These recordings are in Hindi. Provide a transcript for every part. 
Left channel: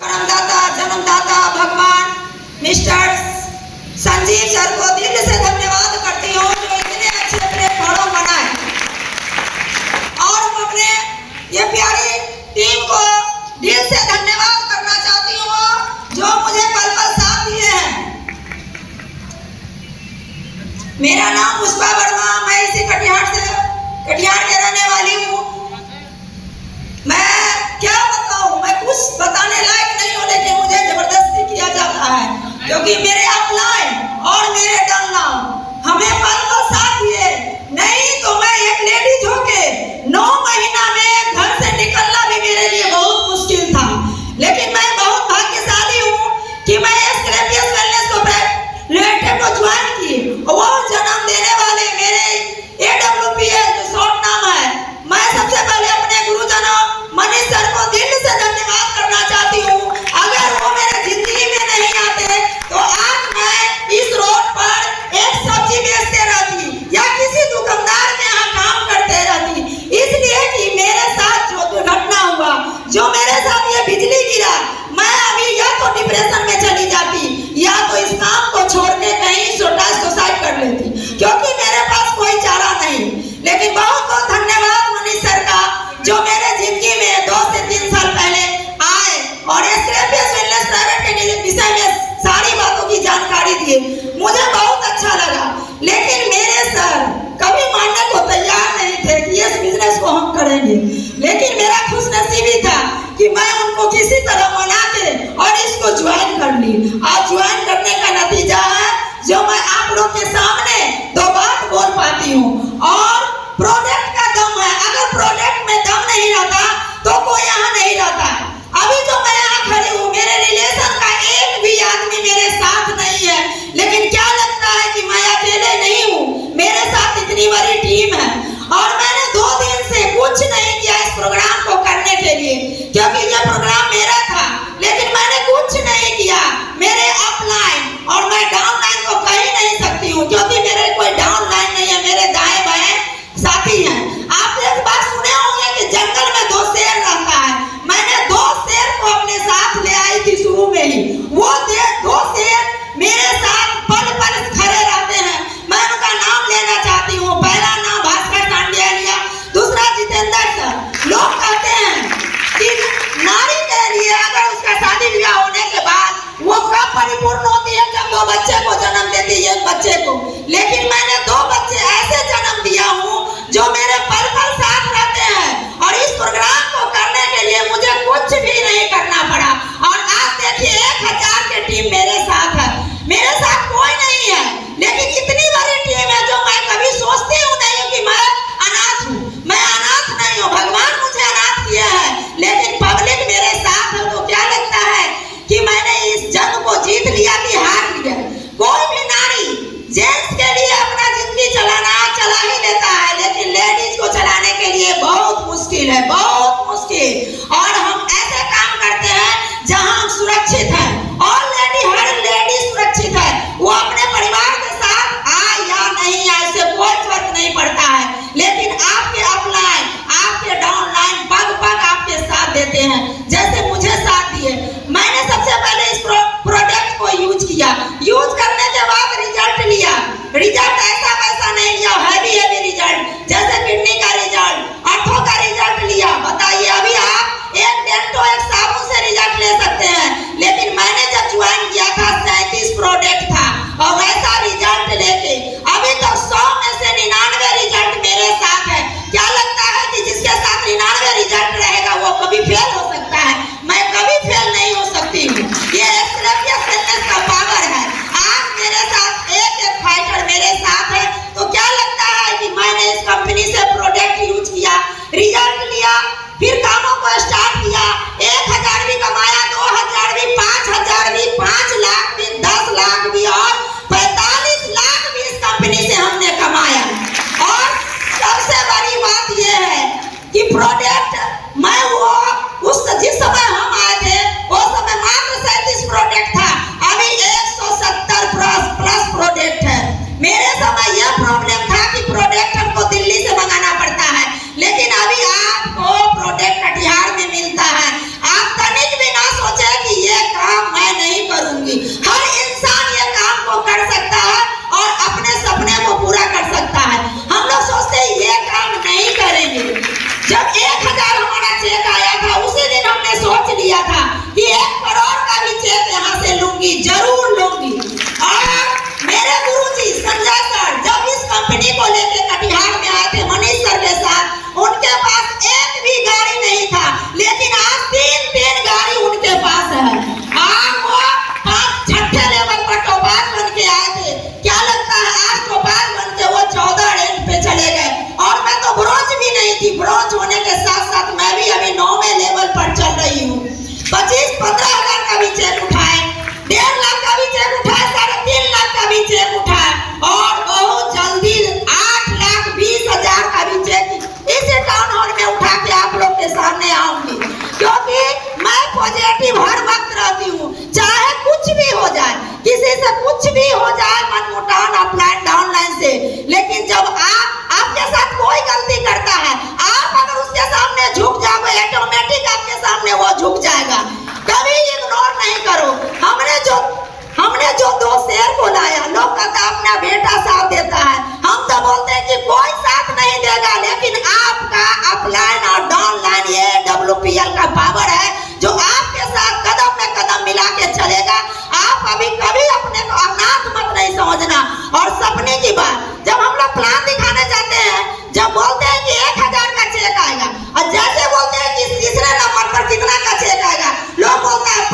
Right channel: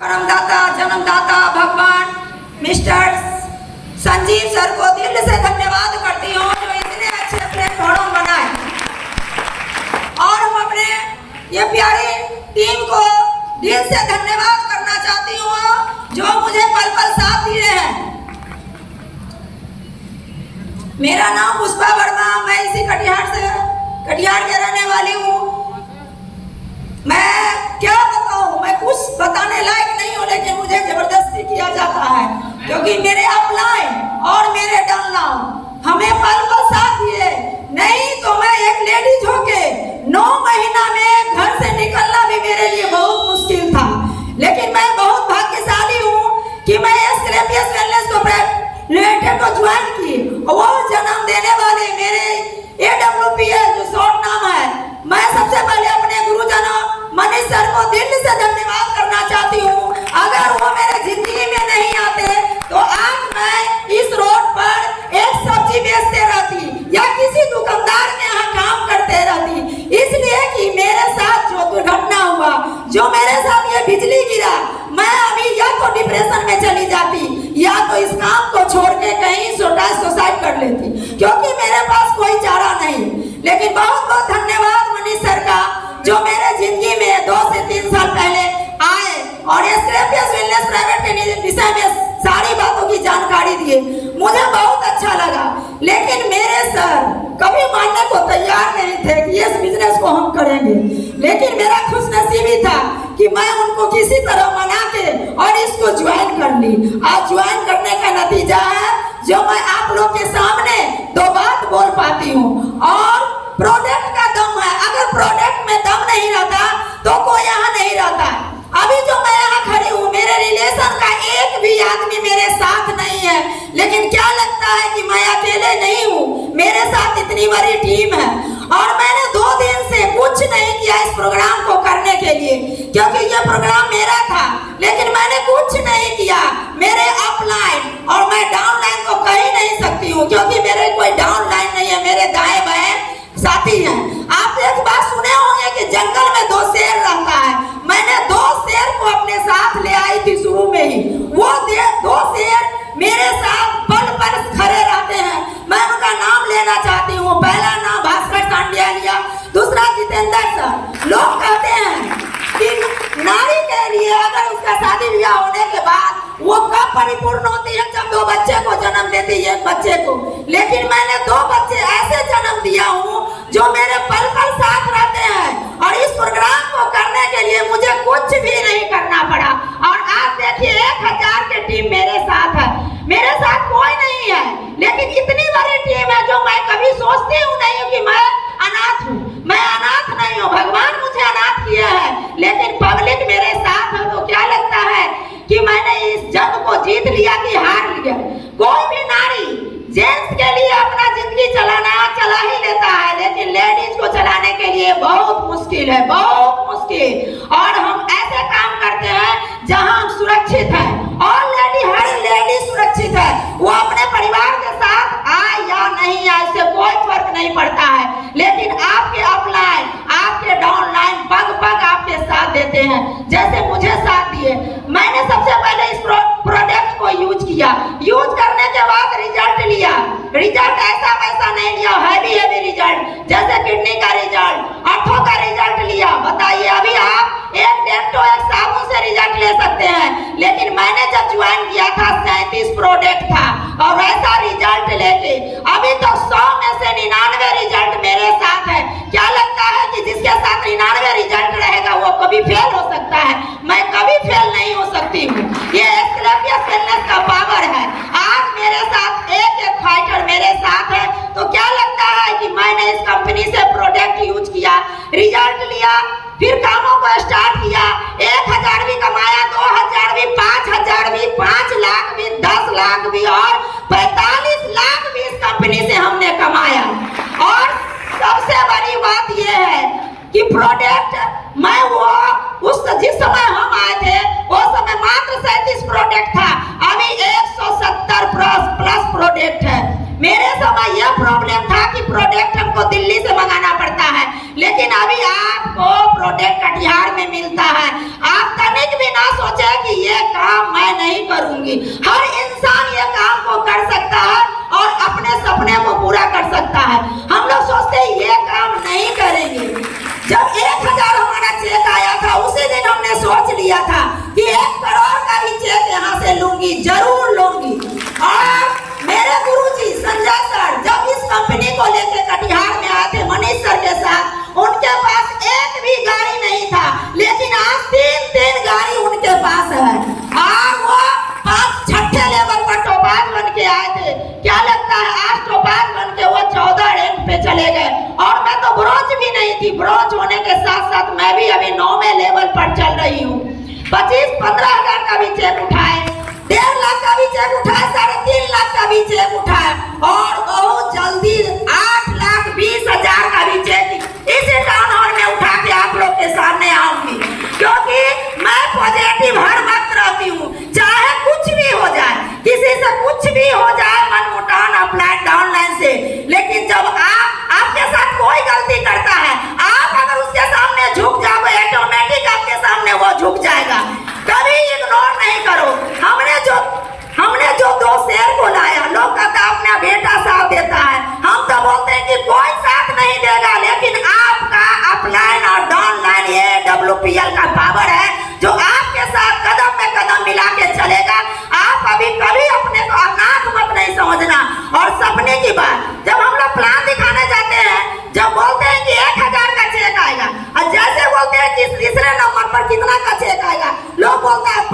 परमदाता जन्मदाता भगवान मिस्टर संजीव सर को दिल से धन्यवाद करती हूँ जो इतने अच्छे प्लेटफॉर्म बनाए, और हम अपने ये प्यारी टीम को दिल से धन्यवाद करना चाहती हूँ जो मुझे पल पल साथ दिए हैं। मेरा नाम पुष्पा वर्मा, मैं इसी कटिहार के रहने वाली हूँ। मैं क्या बताऊँ, मैं कुछ बताने लायक नहीं हूँ, लेकिन मुझे जबरदस्ती किया जाता है क्योंकि मेरे अपलाइन और मेरे डाउनलाइन हमें पल पल साथ दिए। नहीं तो मैं एक लेडीज होके 9 महीना में घर से निकलना भी मेरे लिए बहुत मुश्किल था, लेकिन मैं बहुत भाग्यशाली हूँ कि मैं स्क्रैपियस वेलनेस को ज्वाइन की। वो जन्म देने वाले मेरे AWPL जो शॉर्ट नाम है, मैं सबसे पहले अपने गुरुजनों मनीष सर को दिल से धन्यवाद करना चाहती हूँ। अगर वो मेरे जिंदगी में नहीं आते तो आज मैं इस रोड पर एक सब्जी बेचते रहती या किसी दुकानदार के यहाँ काम करते रहती, इसलिए कि मेरे साथ जो दुर्घटना हुआ, जो मेरे साथ ये बिजली गिरा, मैं अभी या तो डिप्रेशन में चली जाती या तो इस काम को छोड़ के कहीं सुसाइड कर लेती, क्योंकि मेरे पास कोई चारा नहीं। लेकिन बहुत बहुत धन्यवाद मनीष सर का जो मेरे जिंदगी में 2 से 3 साल पहले आए और स्क्रैपियस वेलनेस प्राइवेट के विषय में सारी बातों की जानकारी दिए। मुझे बहुत अच्छा लगा, लेकिन मेरे सर कभी मानने को तैयार नहीं थे कि इस बिजनेस को हम करेंगे। लेकिन मेरा खुशनसीबी था कि मैं उनको किसी तरह मना के और इसको ज्वाइन कर ली। आज ज्वाइन करने का नतीजा है जो मैं आप लोग के सामने 2 बात बोल पाती हूँ, और प्रोडक्ट का दम है। अगर प्रोडक्ट में दम नहीं रहता तो कोई यहाँ नहीं रहता। अभी जो मैं यहाँ खड़ी हूँ, मेरे रिलेशन का एक भी आदमी मेरे साथ नहीं है, लेकिन क्या लगता है कि मैं अकेले नहीं हूँ, मेरे साथ इतनी बड़ी टीम है। और मैंने 2 दिन से कुछ नहीं किया इस प्रोग्राम को करने के लिए, क्योंकि ये प्रोग्राम मेरा था, लेकिन मैंने कुछ नहीं किया। मेरे अपलाइन और मैं डाउनलाइन को कह ही नहीं सकती हूँ, क्योंकि मेरे कोई डाउनलाइन नहीं है, मेरे दाएं बाएं साथी हैं। आप एक बात सुने होंगे कि जंगल में 2 शेर रहता है। मैंने 2 शेर को अपने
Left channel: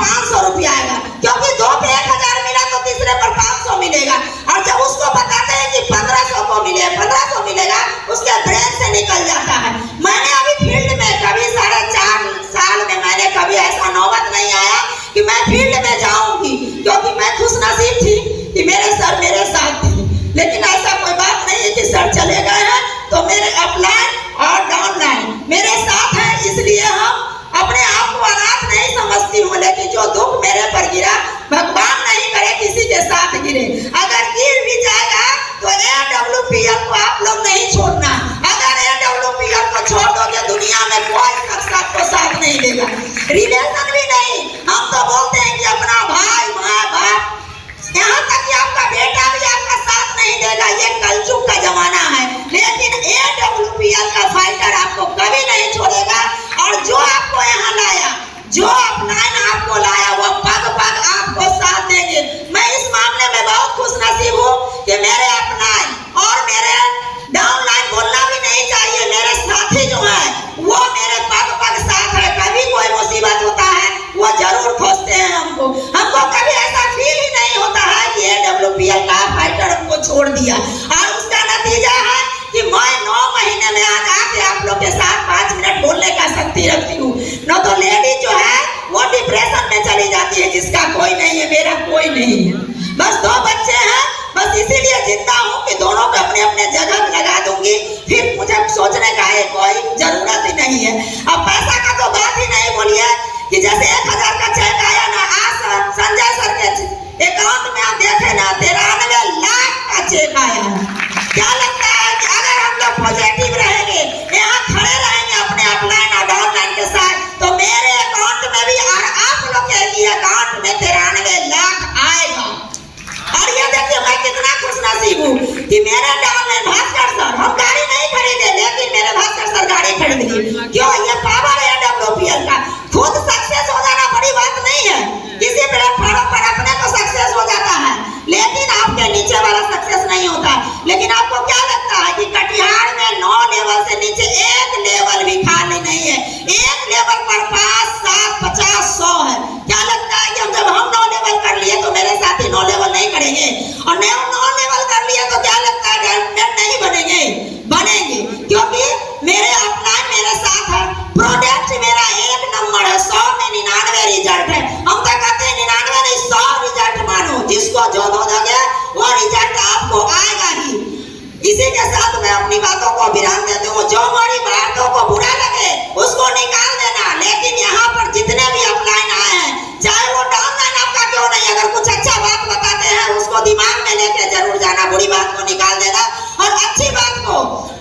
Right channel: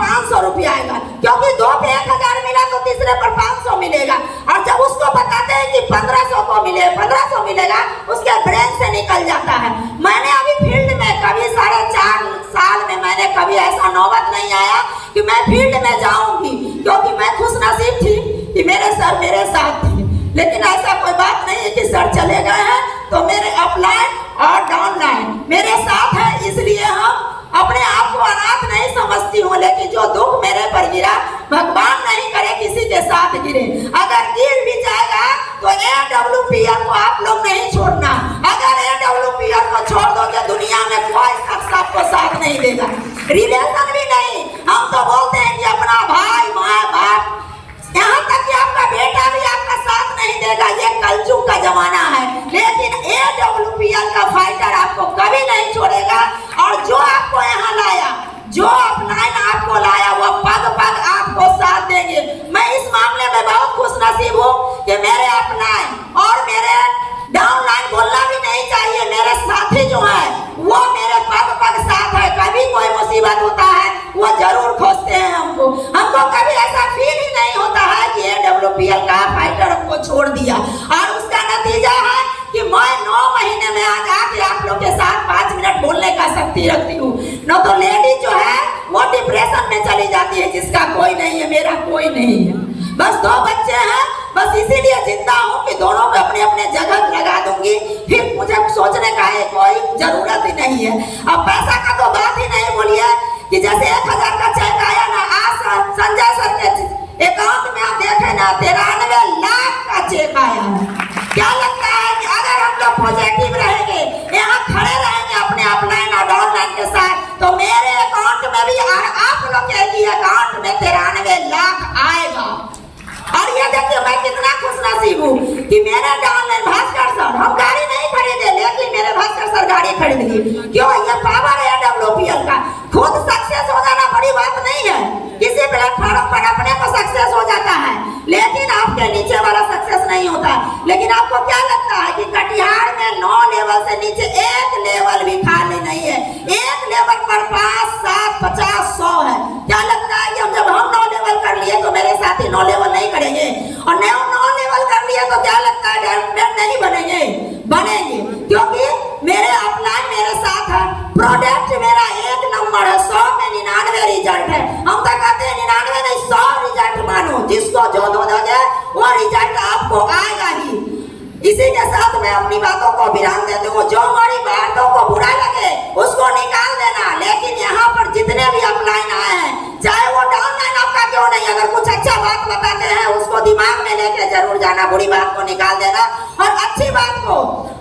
500 रुपया आएगा, क्योंकि 2 पे 1000 मिला तो तीसरे पर 500 मिलेगा। और जब उसको बताते हैं कि 1500 को मिले 1500 मिलेगा, उसके ब्रेन से निकल जाता है। मैंने अभी फील्ड में कभी 4.5 साल में मैंने कभी ऐसा नौबत नहीं आया कि मैं फील्ड में जाऊंगी, क्योंकि मैं खुश नसीब थी कि मेरे सर मेरे साथ थे। लेकिन ऐसा कोई बात नहीं है कि सर चले गए हैं तो मेरे अपलाइन और डाउनलाइन मेरे साथ है, इसलिए हम अपने आप को अनाथ नहीं समझती हूँ। लेकिन जो दुख मेरे पर गिरा, भगवान नहीं करे किसी के साथ गिरे। अगर गिर भी जाएगा तो AWPL को आप लोग नहीं छोड़ना। अगर AWPL को छोड़ दोगे दुनिया में कोई शख्स आपको साथ नहीं देगा, रिलेशन भी नहीं। हम तो बोलते हैं कि अपना भाई माँ बाप, यहाँ तक कि आपका बेटा भी आपका साथ नहीं देगा। ये कलयुग का जमाना है, लेकिन AWPL का फाइटर आपको कभी नहीं छोड़ेगा। और जो आपको यहाँ लाया, जो अपलाइन आपको लाया, वो पग पग आपको साथ देंगे। मैं इस मामले में बहुत खुश नसीब हूँ कि मेरे अपलाइन और मेरे डाउनलाइन बोलना भी नहीं चाहिए, मेरे साथी जो है वो मेरे पग पग साथ है। कभी कोई मुसीबत होता है वो जरूर खोजते हैं हमको। हमको कभी ऐसा फील ही नहीं होता है कि AWPL का फाइटर हमको छोड़ दिया। और उसका नतीजा है कि मैं 9 महीने में आज आके आप लोग के साथ 5 मिनट बोलने का शक्ति रखती हूँ। न तो लेडी जो है वो डिप्रेशन में चली जाती है, जिसका कोई नहीं है, मेरा कोई नहीं है, बस 2 बच्चे हैं, बस इसीलिए जिंदा हूँ कि दोनों को अपने अपने जगह लगा दूंगी। फिर मुझे सोचने का है कोई जरूरत ही नहीं है। अब पैसा का तो बात ही नहीं बोलिए कि जैसे 1000 का चेक आया ना, आज संजय सर के अकाउंट में आप देखे ना 93 लाख का चेक आया है। क्या लगता है कि अगर हम लोग पॉजिटिव रहेंगे, यहाँ खड़े रहेंगे अपने अपलाइन और डाउनलाइन के साथ, तो मेरे अकाउंट में भी और आप लोग के अकाउंट में 93 लाख आएगा। और ये देखिए मैं कितना खुश नसीब हूँ कि मेरे डाउनलाइन भास्कर सर, हम गाड़ी नहीं खरीदे लेकिन मेरे भास्कर सर गाड़ी खरीद ली। क्यों? ये पावर है AWPL का। खुद सक्सेस हो जाना बड़ी बात नहीं है, किसी प्लेटफॉर्म पर अपने को सक्सेस हो जाता है, लेकिन आपके नीचे वाला सक्सेस नहीं होता। लेकिन आपको क्या लगता है कि कटिहार में 9 लेवल से नीचे एक लेवल भी खाली नहीं है? एक लेवल पर 5, 7, 50, 100 है। क्या लगता है कि जब हम 9 लेवल कर लिए तो मेरे साथी 9 लेवल नहीं करेंगे? और 9 लेवल कर लिया तो क्या लगता है डायमंड नहीं बनेंगे? बनेंगे, क्योंकि मेरे अपलाइन मेरे साथ है। प्रोडक्ट मेरा 1 नंबर है, 100 में 99 रिजल्ट है। हम तो कहते हैं 99 नहीं 100 रिजल्ट मानो, जिसको जो दो दोगे वो रिजल्ट आपको आएगा ही। इसी के साथ मैं अपनी बातों को विराम देती हूँ। जो हमारी बातों को बुरा लगे उसको निकाल देना, लेकिन यहाँ पर जितने भी अपलाइन आए हैं, चाहे वो डाउनलाइन आपका क्यों नहीं, अगर कुछ अच्छा बात बताते हैं उसको दिमाग में लेके जरूर जाना, बुरी बात को निकाल देना और अच्छी बात को।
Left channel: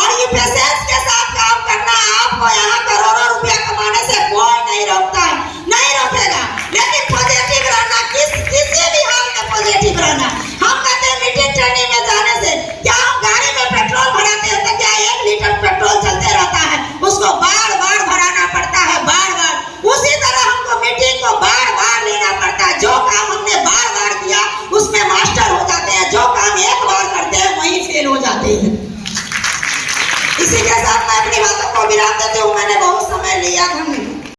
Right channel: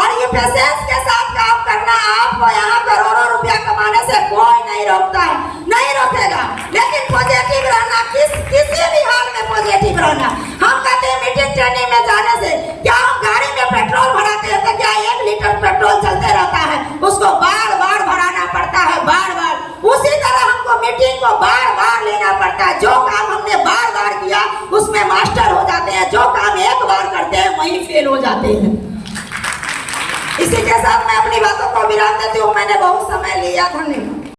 और ये पेशेंस के साथ काम करना। आपको यहाँ करोड़ों रुपया कमाने से कोई नहीं रोकता है, नहीं रोकेगा, लेकिन पॉजिटिव रहना, किसी भी हाल में पॉजिटिव रहना। हम कहते हैं मीटिंग ट्रेनिंग में जाने से क्या हम गाड़ी में पेट्रोल भराते हैं तो क्या 1 लीटर पेट्रोल चलते रहता है? उसको बार बार भराना पड़ता है, बार बार। उसी तरह हमको मीटिंग को बार बार लेना पड़ता है। जो काम हमने बार बार किया उसमें मास्टर हो जाते हैं, जो काम एक बार करते हैं वहीं फेल हो जाते हैं। इसी के साथ मैं अपनी बातों को विराम देती हूँ। मैंने बहुत समय लिया, धन्यवाद।